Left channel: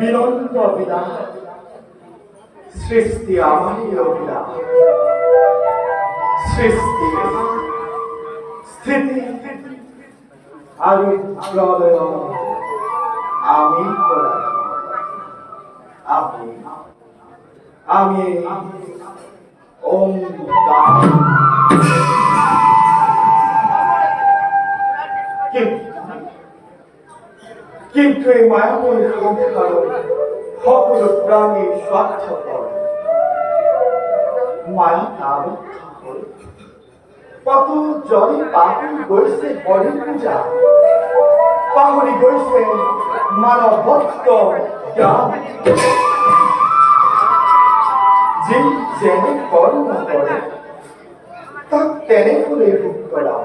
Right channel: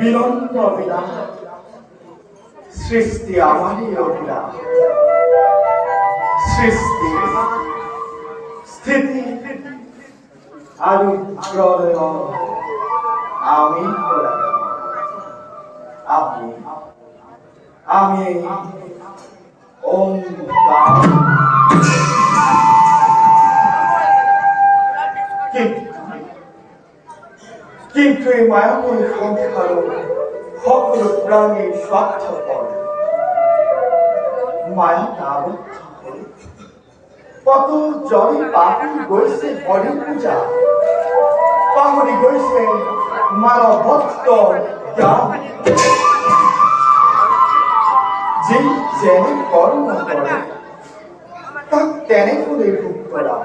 বিলম্ব বিলাস সৃষ্টি আমারই অভিলাষ সৃষ্টি স্থিতি আর প্রলয় আমি আপনি আমি ওঙ্কার কিন্তু এই মায়াময় সংসার সকল প্রাণী স্বার্থপর মায়া আবদ্ধ হল কত জলে পাহরি গৈছে হরি পূজা পাহরি গৈছে মানবত্ব জ্ঞান যে যেনে কর্ম করে তাক তেনে করে ভোগ করা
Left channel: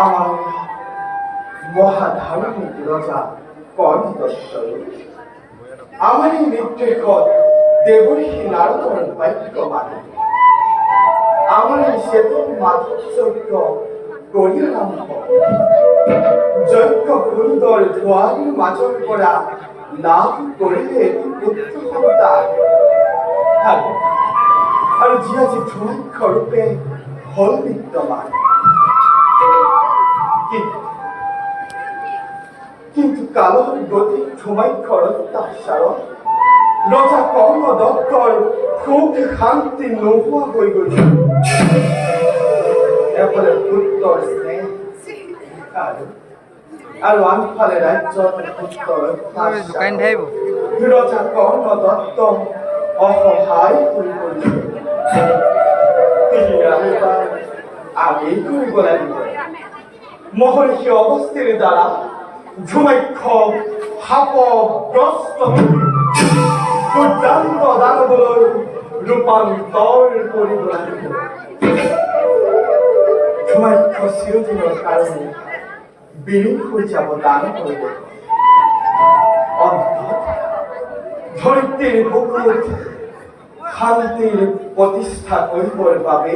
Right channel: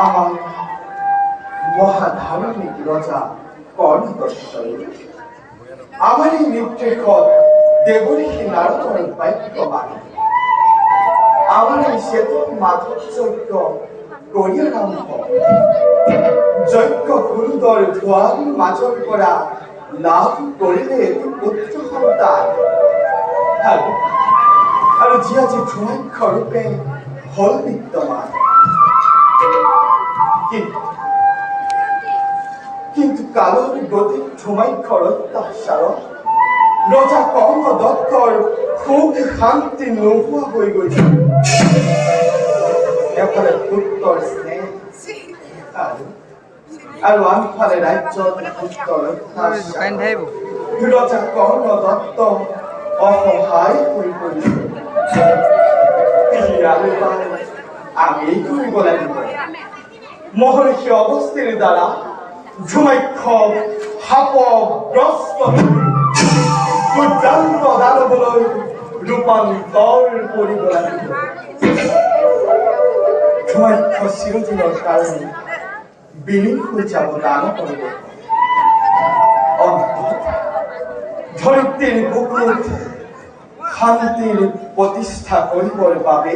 আমার মহাধার্মিক রজা কর্ণদত্তই আমার এই নির্দেশত দেৱঋষি নাৰদৰ বাক্য মানি আমার এই শ্বেত মাধুৰ্য্য কৰি আৰম্ভ যজ্ঞ সুন্দৰ ধোঁৱালিৰ মাজৰ পৰা লাভ কৰিলে এটি পুত্ৰ সন্তান আৰু যি আজি ধোঁৱাক্ষৰূপে হল বিদ্যমান কিন্তু কালৰ গতিক ধুমাক্ষৰ অত্যাচাৰত ৰজা কৰ্ণদত্তৰ সুখ শান্তি নোহোৱা হৈ গৈছে এফালে পুত্ৰৰ স্নেহ আৰু আনফালে ৰাজ্যত পুত্ৰৰ অত্যাচাৰ ৰজা কৰ্ণদত্ত অসহায় হৈ পৰিছে আমি কৰিব লাগিব মহৰ্ষি অগস্ত্যৰ দ্বাৰা ধুমাক্ষ শাপগ্ৰস্ত দুৰ্দান্ত দানৱলৈ ৰূপান্তৰ কৰিব লাগিব ধুমাক্ষ চিৰদিনৰ কাৰণে বিলীন হৈ যাব দানৱৰ অন্তত ধৰিত্ৰীৰ বুকুত শান্তিৰ প্ৰতিষ্ঠা কৰিবৰ বাবে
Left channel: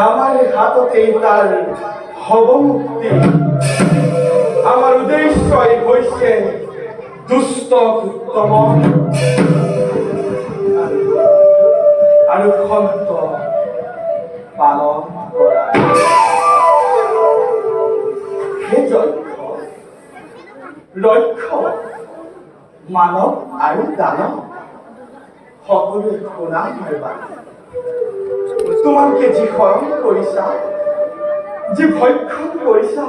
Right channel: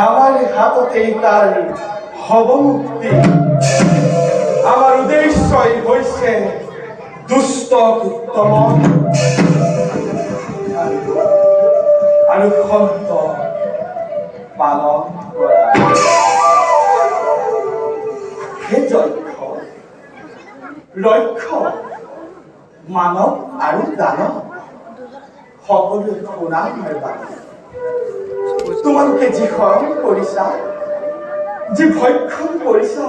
আমাৰ হাততেই তাৰ হব মুক্তি আমার উদ্দেশ্যই হৈছে দুষ্ট উত্তম আৰু সন্ত পালন কৰা সেই লক্ষ্য মানৱ আৰু দানৱ সকলোৱে শুনা বাবে তোমালোকে যি শৰণ কৰিছা যি ভক্ষণ কৰিছা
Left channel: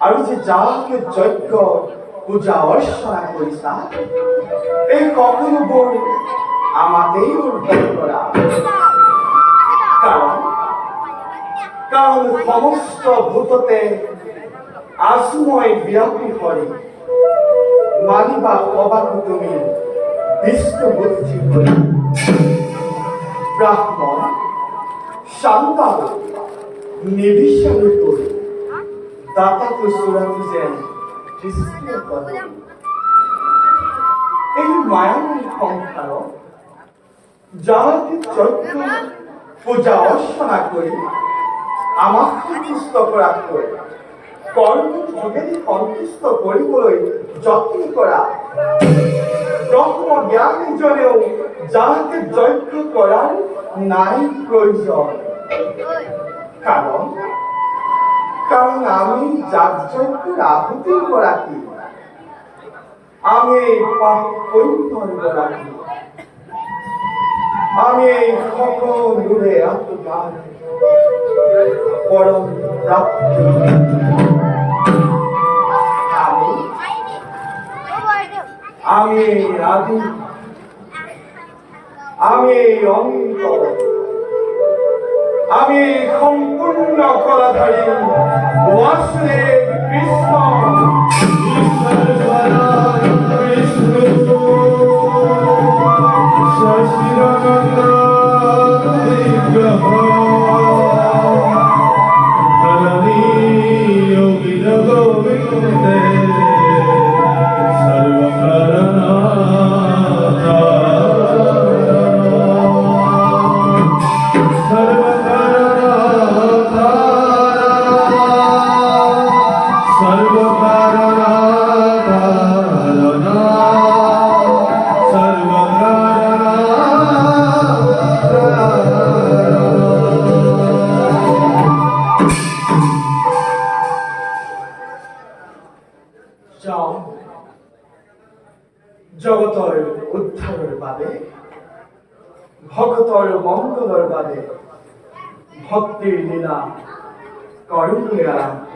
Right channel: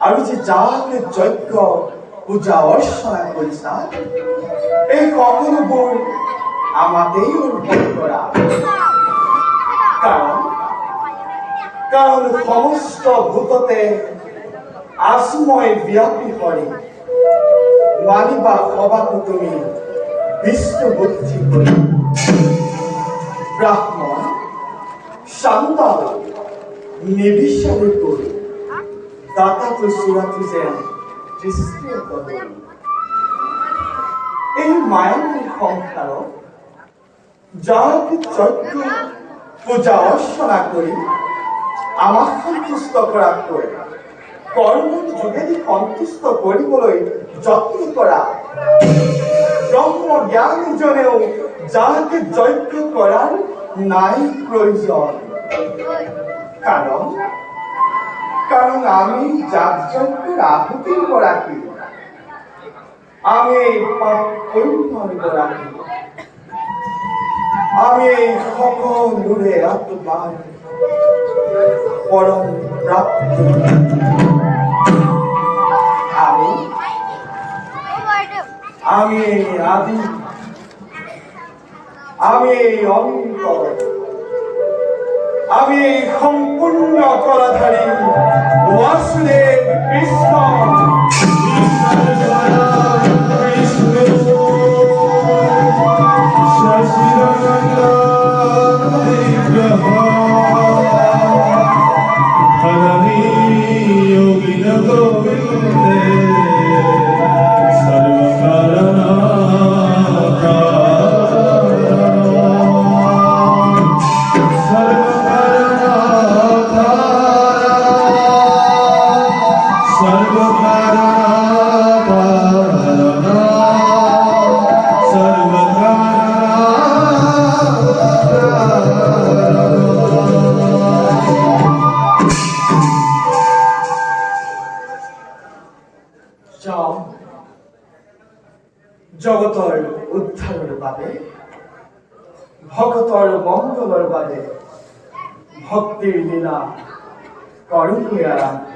আৰু যে যাকে যজ্ঞ পূজা অৰ্চনা কৰিছা এই সকলোবোৰ আমাতেই উদ্ভৱ কৰা কাৰণ সমস্ত ভূততে আসময় ব্যাপী হৰি মানিবা সবাকো তুমি বিষ্ণু বুদ্ধি কৰি ব্ৰাহ্মণ শান্তা নিবিচাৰি কৰি দাতাটো চূড়াটো যেন দৃষ্টিয়ে কৰে এই মায়ামী সংসাৰত যাকে যজ্ঞ পূজা অৰ্চনা কৰি আমাক সন্তুষ্ট কৰাতকৈ কৰ্মৰ যোগেদি সন্তুষ্ট কৰিবলৈ যত্ন কৰা ব্ৰহ্ম জ্ঞানীজনেও যাকে যজ্ঞ কৰাৰ নাই প্ৰয়োজন কারণ আমি যাগযজ্ঞের আহুতির গরাকী আমি এই পাপ পুণ্যর গরাকী আমি এই সকলোৰে আত্মাৰ পৰম প্রাপ্তি আমি এই আদি আমি এই অন্তর আমি সম্পূর্ণ কলাধারী বাসুদেব কৃষ্ণ জগতৰ উদ্ধাৰৰ বাবে ভকতৰ মংগলৰ বাবে ভক্তিৰ লীলা কৰোঁগৈ আৰম্ভ